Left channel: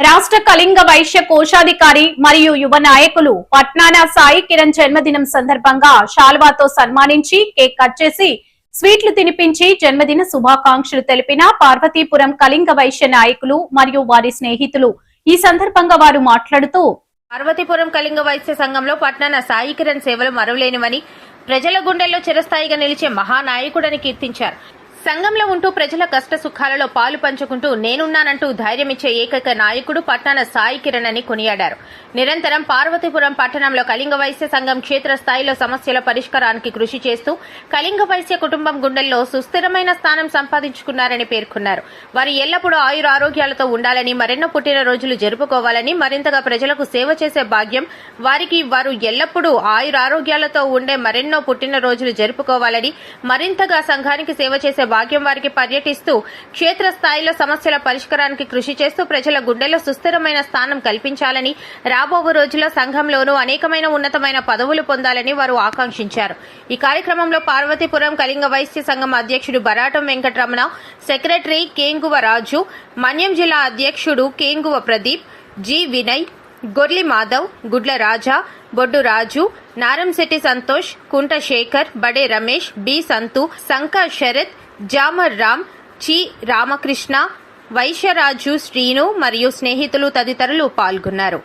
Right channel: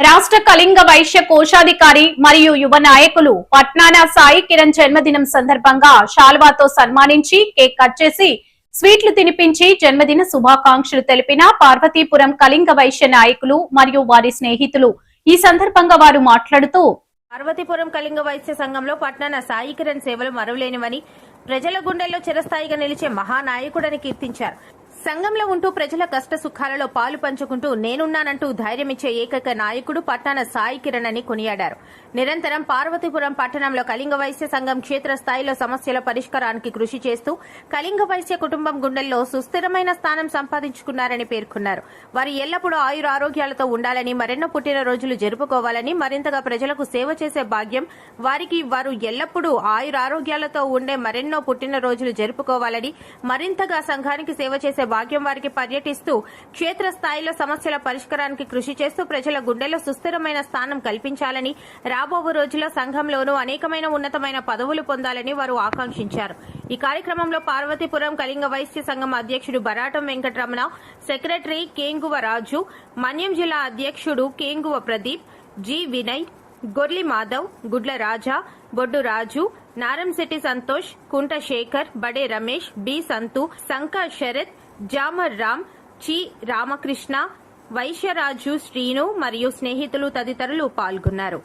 రాష్ట్ర కళింగ వైశ్య కోశాధికారి మరియు యువ నాయకులు పట్నాన సాయి కిరణ్ జన్మదినం సందర్భంగా శాల్వాతో సన్మానించి కేక్ కట్ చేసి స్వీట్లు తినిపించి జన్మదిన శుభాకాంక్షలు తెలిపిన పార్వతీపురం కళింగ వైశ్య నాయకులు మరియు వారి స్నేహితులు. ఈ సందర్భంగా వారు మాట్లాడుతూ, పార్వతీపురం కళింగ వైశ్య సంఘంలో పట్నాన సాయి కిరణ్ సేవలు మరువలేనివని, ప్రజల గుండెల్లో చిరస్థాయిగా నిలిచే మహానాయకుడని కీర్తించారు. సంఘంలో ఉంటూ ప్రజల కష్ట సుఖాలలో పాలు పంచుకుంటూ నేనున్నానంటూ ధైర్యమిచ్చే ఏకైక నాయకుడు పట్నాన సాయి కిరణ్ అని కొనియాడారు. నిరంతరం పార్వతీపురం పట్టణంలో కళింగ వైశ్య సంఘం క్షేత్రస్థాయిలో సమస్యల పరిష్కారానికి కృషి చేస్తూ కళింగ వైశ్య కుటుంబం గుండెల్లో సుస్థిరమైన స్థానం సంపాదించుకున్నారని పేర్కొన్నారు. వారు ఎల్లప్పుడూ ఆయురారోగ్యాలతో ఉండాలని, మరెన్నో పుట్టినరోజులు జరుపుకోవాలని, మరింతగా ప్రజలకు సేవ చేసే భాగ్యం వారికి, వారు ఎల్లప్పుడూ ఆయురారోగ్యాలతో ఉండే మరెన్నో పుట్టినరోజులు జరుపుకోవాలని, మరింతగా సంఘానికి సేవ చేసే భాగ్యం వారికి పర్యటిస్తూ క్షేత్రస్థాయిలో సమస్యల పరిష్కారానికి కృషి చేస్తూ ప్రజల గుండెల్లో సుస్థిరమైన స్థానం కల్పించాలని, రాబో రోజుల్లో సంఘంలోనూ అనేకమైన ఉన్నతమైన పదవులు పొందాలని వారు ఆకాంక్షించారు. ఈ కార్యక్రమంలో పార్వతీపురం కళింగ వైశ్య సంఘం అధ్యక్షుడు బరాటం వెంకటరమణ, సెక్రటరీ కేంగువ రాజు, మన్యం జిల్లా అధ్యక్షుడు కేంగువ ప్రదీప్, జి వినయ్, గొర్లి మాధవ్, గుడ్ల రాజా, బొడ్డు రాజు, నారంశెట్టి సంతోష్, కుంట శేఖర్, బడే రమేష్, బి సంతు, సంక శరత్, జామర్ రామ్, చి రామకృష్ణ, వైశ్యరాజు, శ్రీను మరియు స్నేహితులు తదితరులు పాల్గొన్నారు.